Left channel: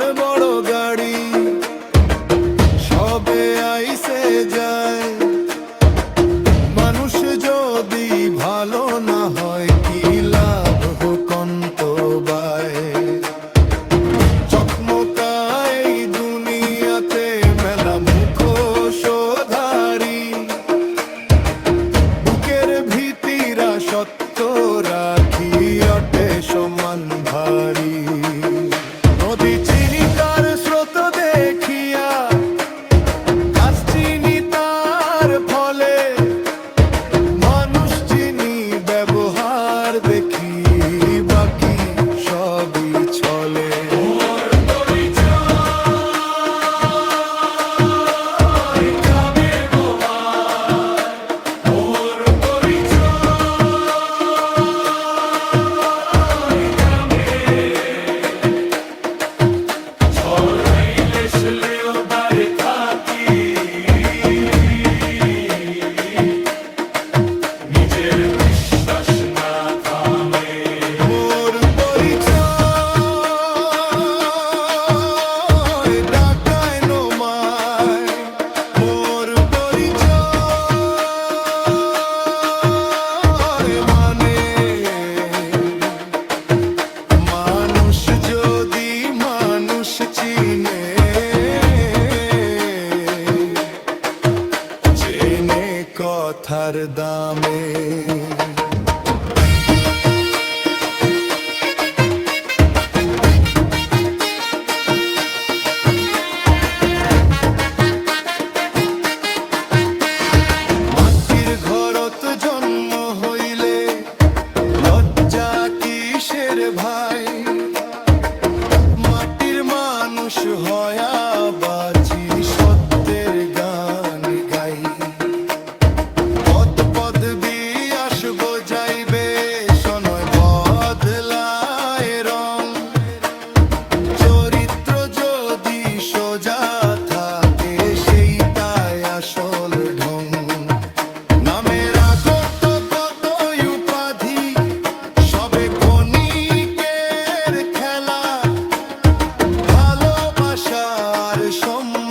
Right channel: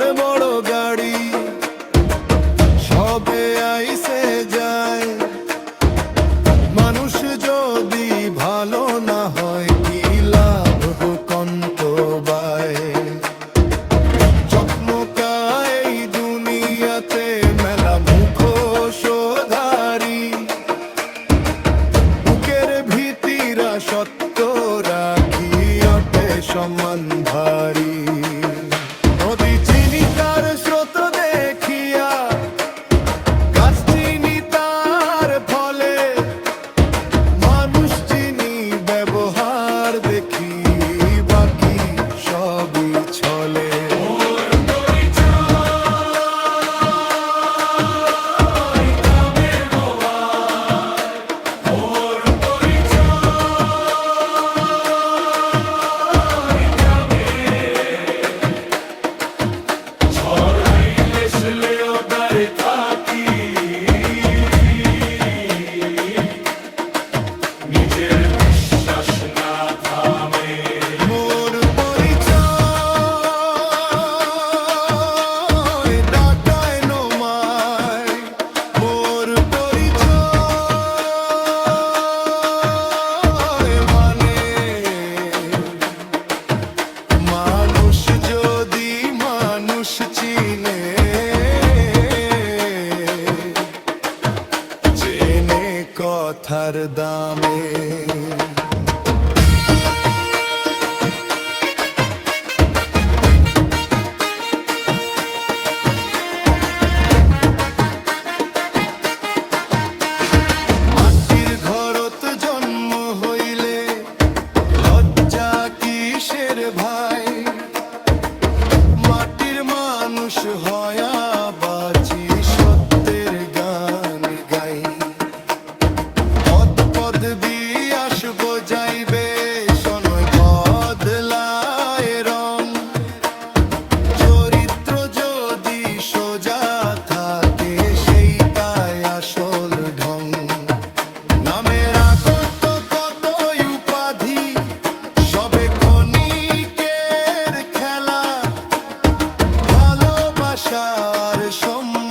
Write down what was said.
আর বড় গাড়ি সবে আইসে যায়। মানুষ যদি ভালো না হয় কি লাভ হোকন্ত বায়। চকমকায় এই দুনিয়াতে মেলা মুখোশধারী, বুকের ভীতিরা সত্য রাখি অটে সমান ভারী। নদী চিনি তার স্রোত দেখিয়া, গাছ চিনি তার ফলে, মানুষ চিনি ব্যবহার দেখি, বাকি সবই ছলে। যদি মানুষ চিনে, চেনে কথার দামে। মাটির ঘরত জন্ম হইলে লজ্জা কিসের ভাই, মাটির মানুষ হয়া বাঁচি সত্যের গান গাই। পদ পদবি আসবো যাইবে শোনয় বদলায় রং, চরিত্র যদি সোজা থাকে সেইটাই আসল ঢং। নামের আগত কত উপাধি সবে ক্ষণিকের খেলা, ভালোবাসার সম্মান